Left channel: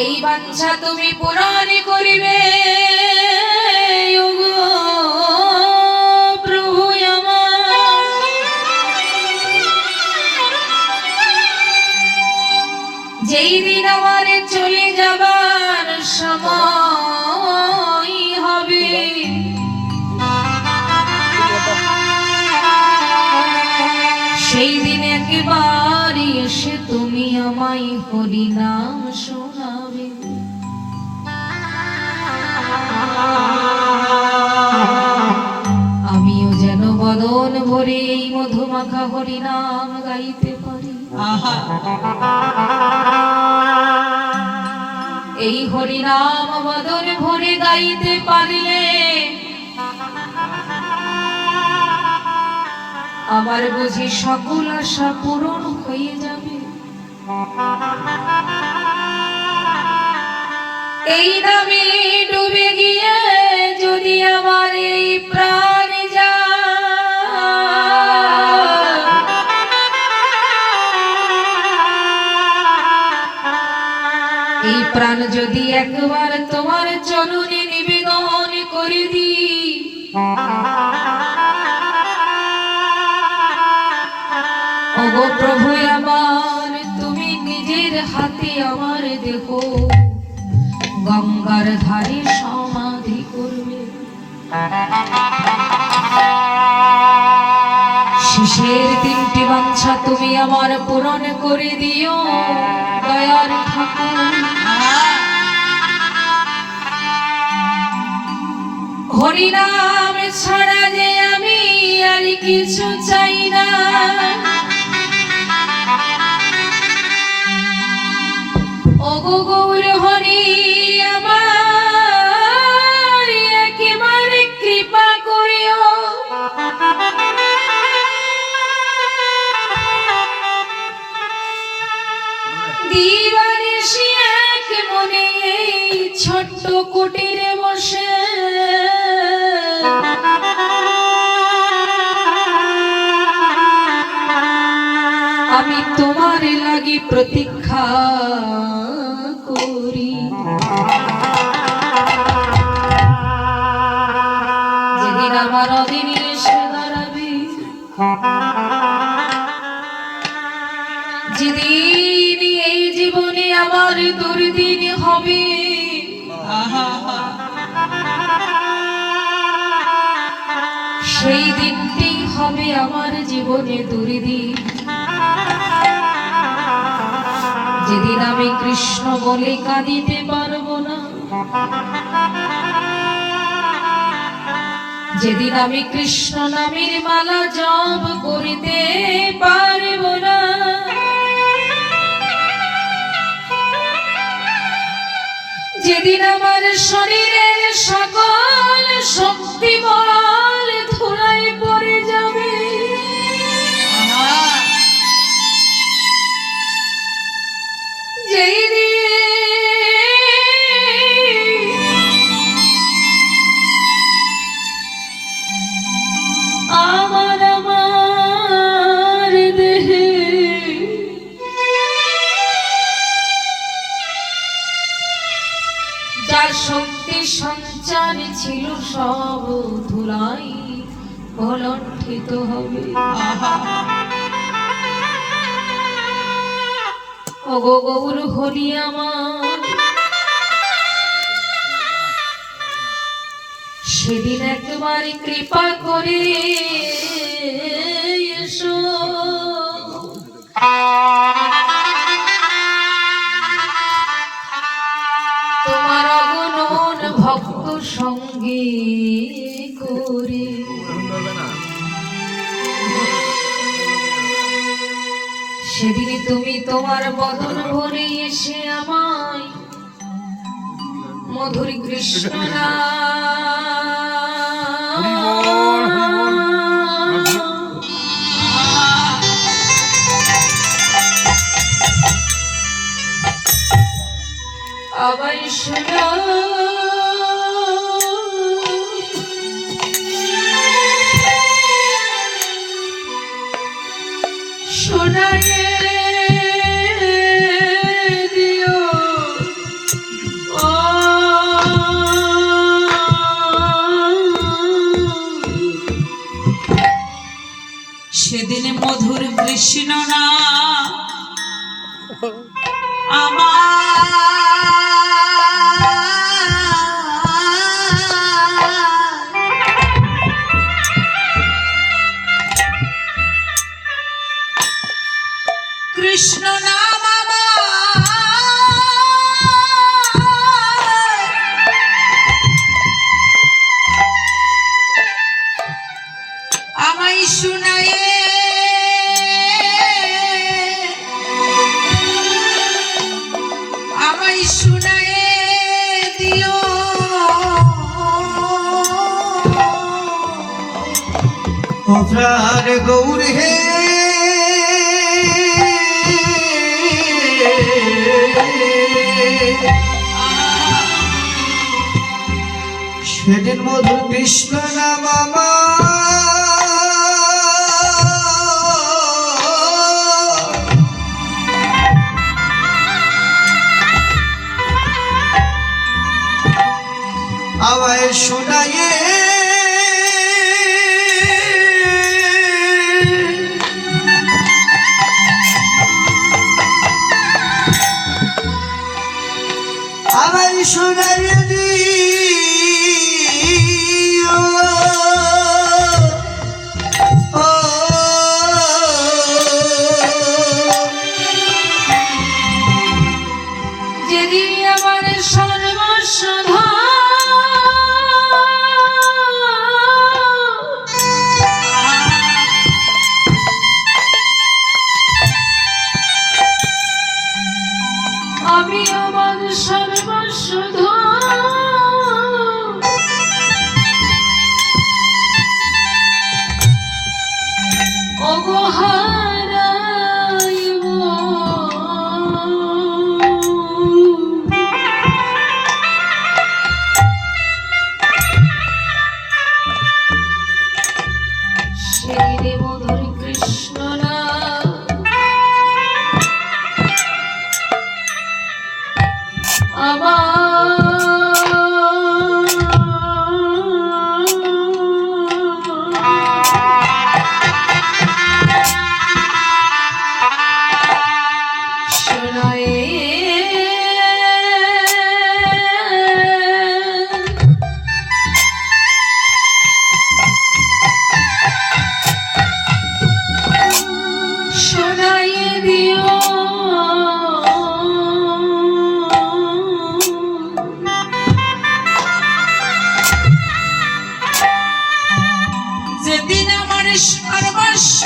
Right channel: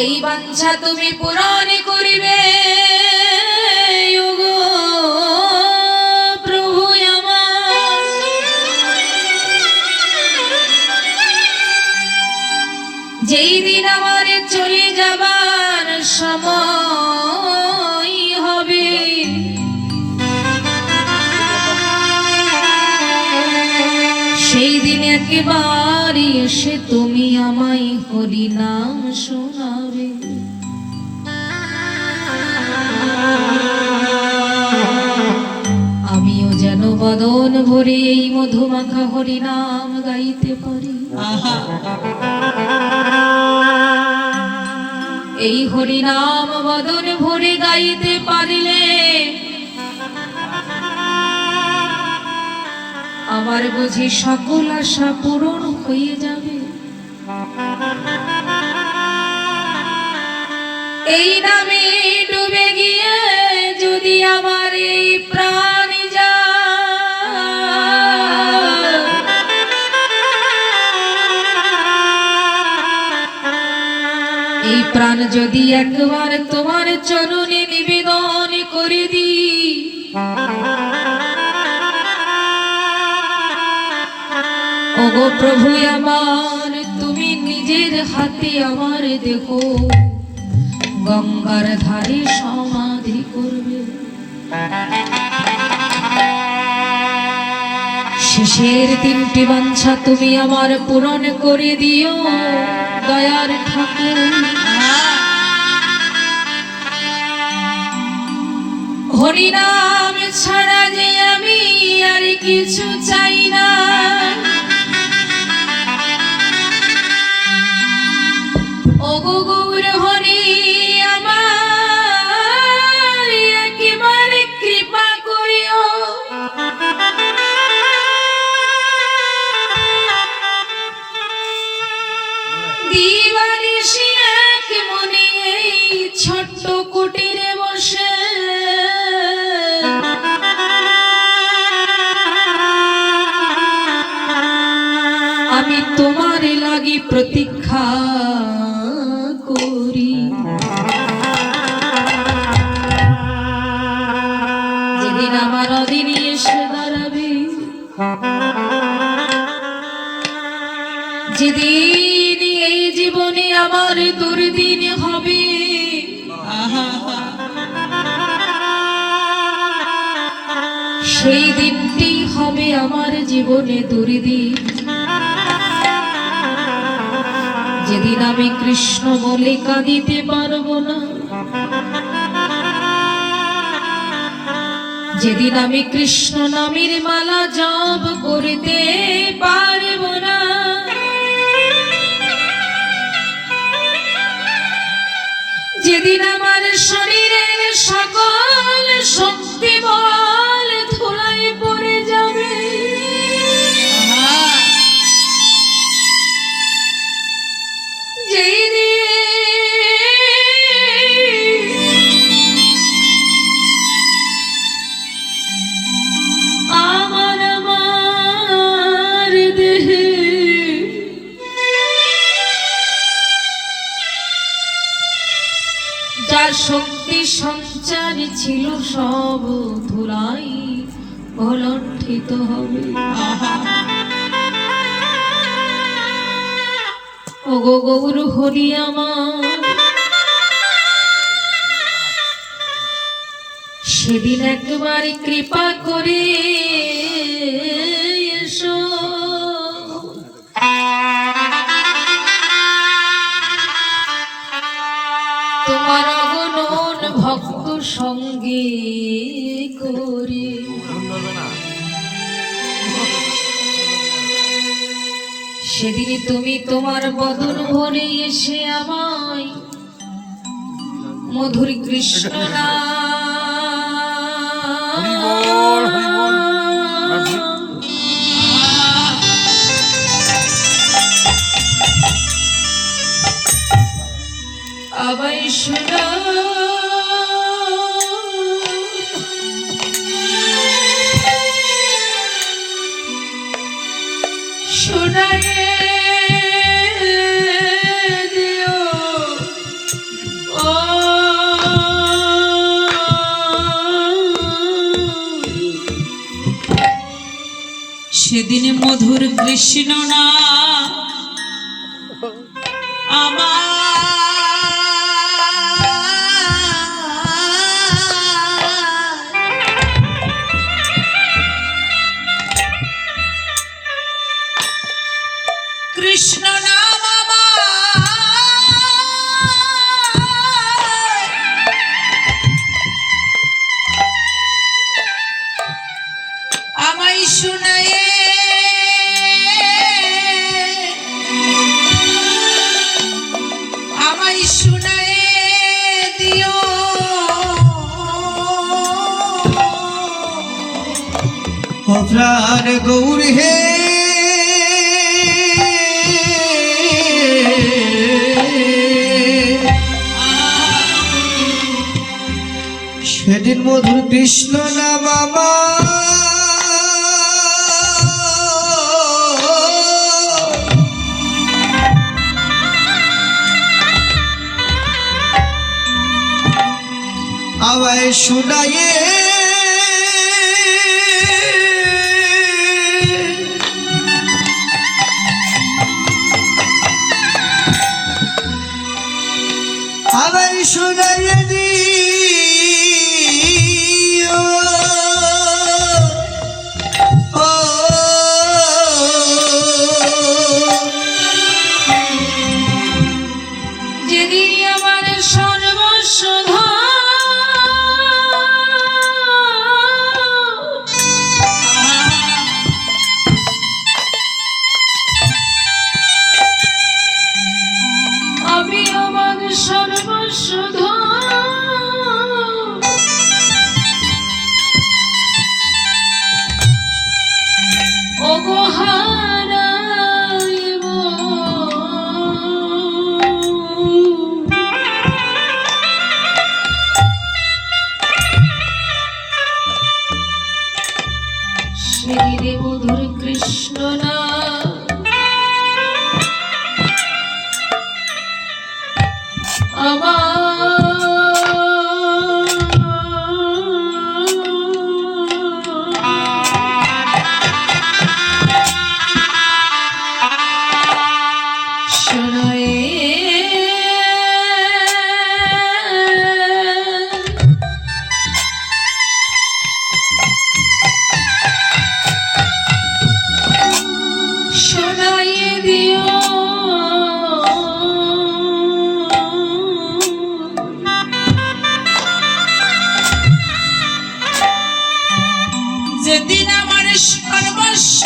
এই বাঞ্ছা তুমি পূরণ করিবে ওগো প্রভু আমার। যেই দিন আমার চলে যাবার সময় হবে, সেই দিন একেবারে এসে তুমি আমায় হরি নাম শোনাবে। আমিও যেন বদন ভরে এই মধুমাখা হরি নাম গাইতে পারি। এই হরি নাম বদন ভরে গাইতে পারলে আমার বুঝি সকল আশা পূরণ হয়ে যাবে। এই নামে ডুবে গিয়ে যদি আমার এই প্রাণ যায়, এই প্রাণ যদি একবার তোমার চরণে নিবেদন করে দিই, ওগো প্রভু আমার তুমি নিজের হাতে আমার দেহ গঙ্গার ধারে সমাধি করবে। শেষের তিনটি বাঞ্ছা তুমি আমার পূরণ করে দিও দয়ার ঠাকুর। হরি নাম ছাড়া যে আমি আর কিছু চাই না, ওগো গৌর হরি আমার একেবারে কৃপা করিও। দিবানিশি এক মনে এই ছোট্ট কুটিরে বসে আমি তোমার লাগি প্রতীক্ষা করি। যেদিন আমার অধীনে এসে দাঁড়াবে, যেদিন এই জীবনে আমার দুর্দিন হবে, সেই দিনটি হবে আমার জীবনে দুর্দিন। যেদিন আমি কৃষ্ণ বলে কাঁদিতে পারবো না, যেদিন আমি কৃষ্ণ নামের মালা জপ করিতে পারবো না, যেদিন আমার শরীরের সকল শক্তি বল ধুলায় পড়ে যাবে, যেই আমার দেহে যার শক্তি সঞ্চার ছিল সব ধুলাই কলণ্ঠিত হবে। ওগো গৌর হরি আমার সেদিন একবার কৃপা করে এসো। তোমার অগণন ভক্ত সঙ্গে করে সেদিন তুমি তোমার বদন ভরে এসে আমায় মধুর কৃষ্ণ আবার শোনা শোনায় দিও কৃষ্ণ না কৃষ্ণ নাম আমায় শুনায়ে দিও প্রাণ গৌর হে সেদিন মধুর কৃষ্ণ নাম আমায় শুনায়ে আমায় শুনায়ে দিও যেদিন আমার সর্বস্ব আমি আমার সর্বস্ব ওগো হারাইব সেই মধুর কৃষ্ণ না শোনায়ে দিও যেদিন আমার সর্বস্ব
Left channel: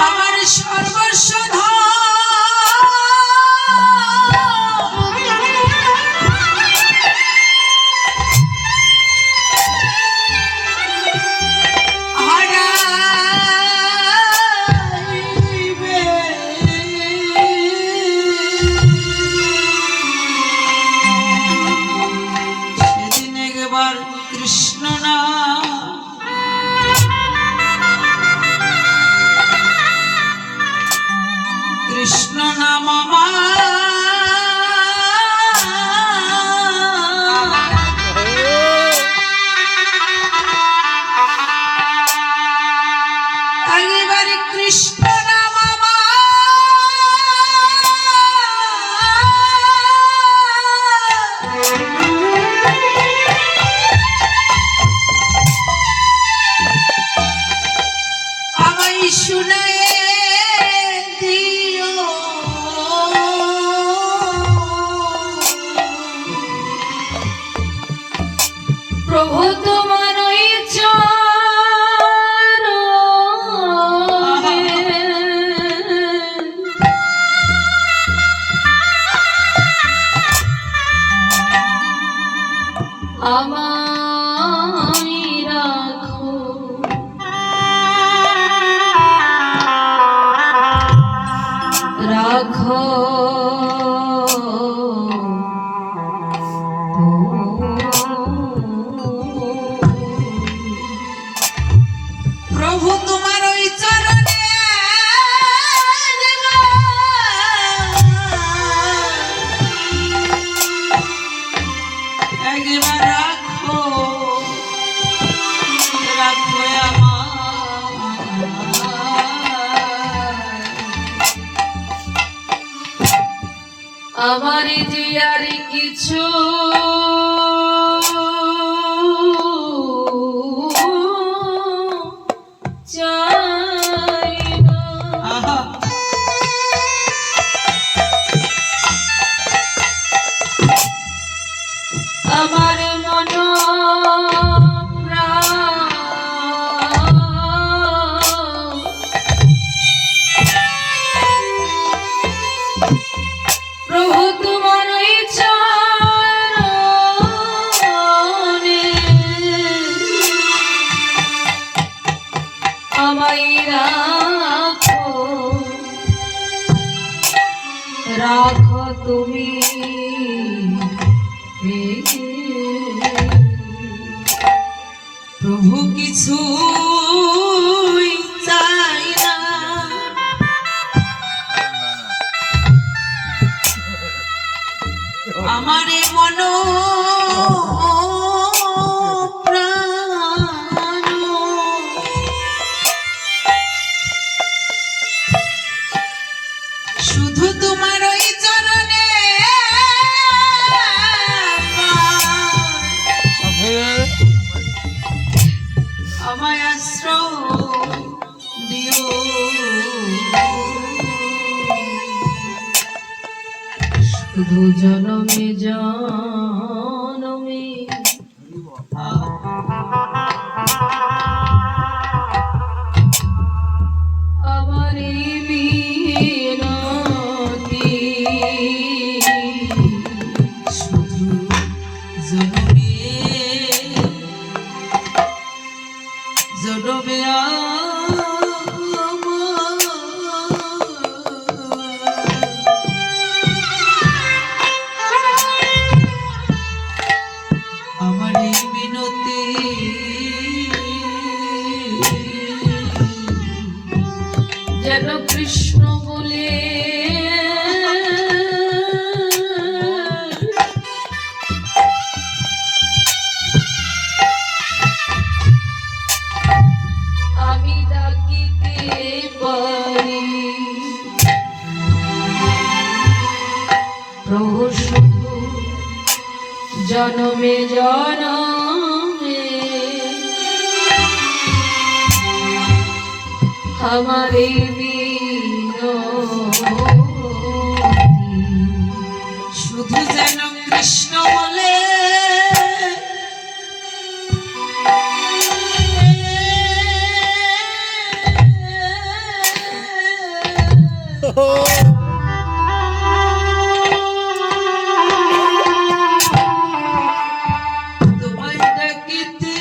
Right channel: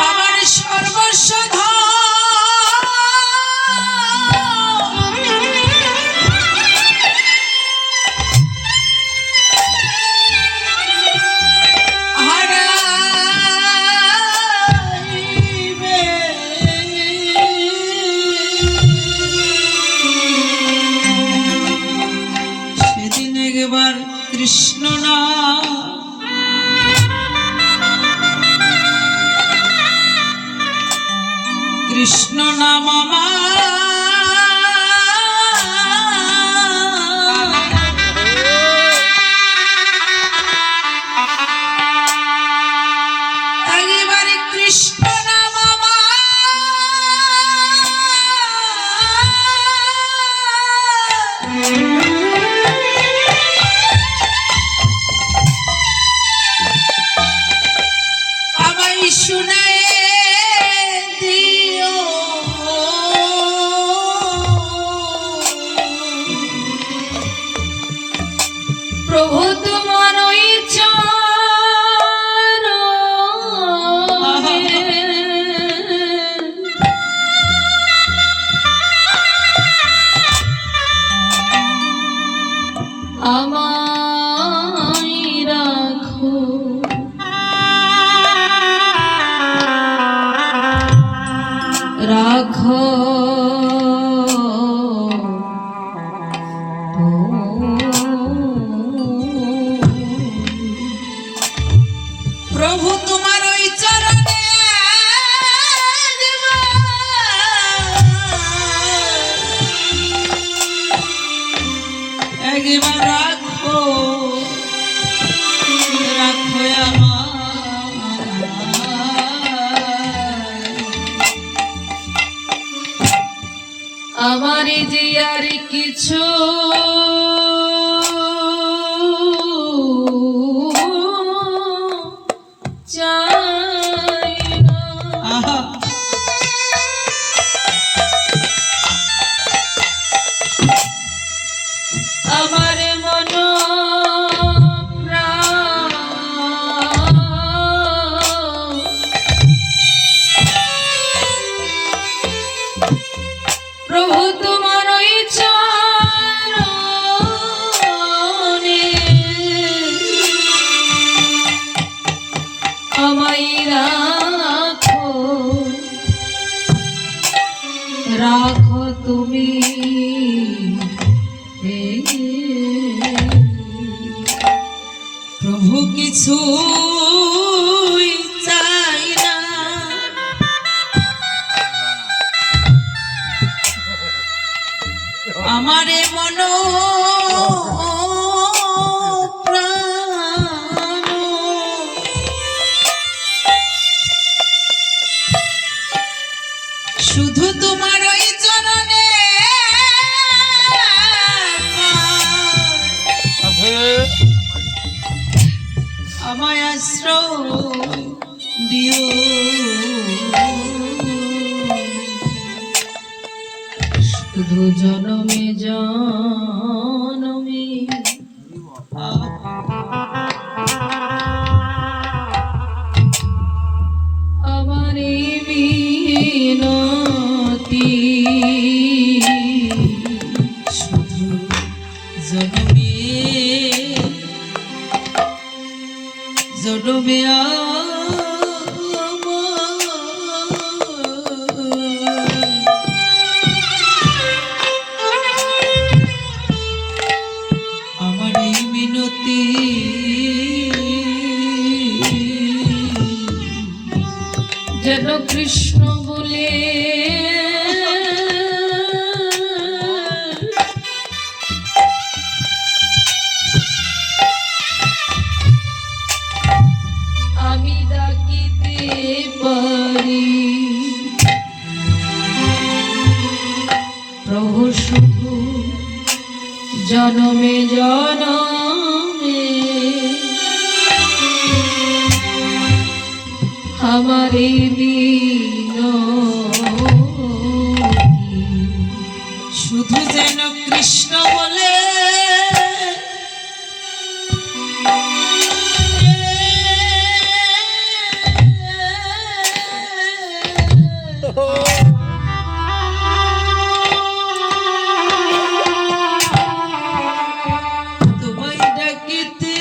আমার সর্বস্ব কৃষ্ণ না কৃষ্ণ নাম একেবারে কৃষ্ণ নাম আমায় শুনায়ে দিও প্রভু তোমার আমায় রাখো রাখো প্রভু তোমার ওই চরণে একবার রাখো রাখো আমার যে আর কিছু চাই না। আমার মন প্রভু তোমার চরণে আমায় রাখো রাখো তুমি প্রভু কিছু চাই না আমারে মন প্রাণ শুধু তোমার ওই চরণে আমায় আশ্রয় দিও শুধু জনমে জনমে আমার এই বিনতি শুধু জনমে জনমে আমার এই মিনতি যেন কৃষ্ণ বলে আমি ডাকিতে পারি প্রভু শুধু জনমে জনমে আমার এই বিনতি শুধু যেন কৃষ্ণ বলে তোমায় ডাকিতে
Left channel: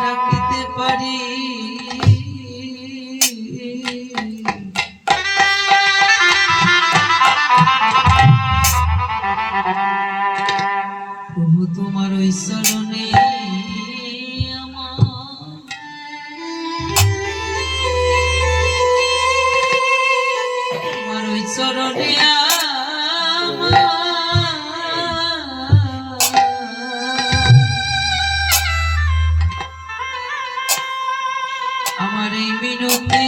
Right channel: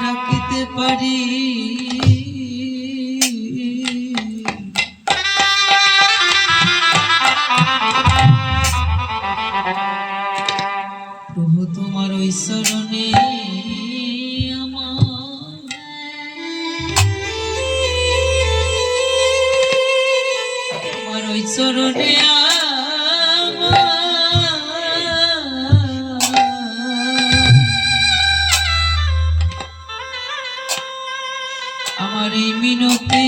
ডাকিতে পারি প্রভু তোমার ওই চরণে তোমার ওই চরণে আমার এই মিনতি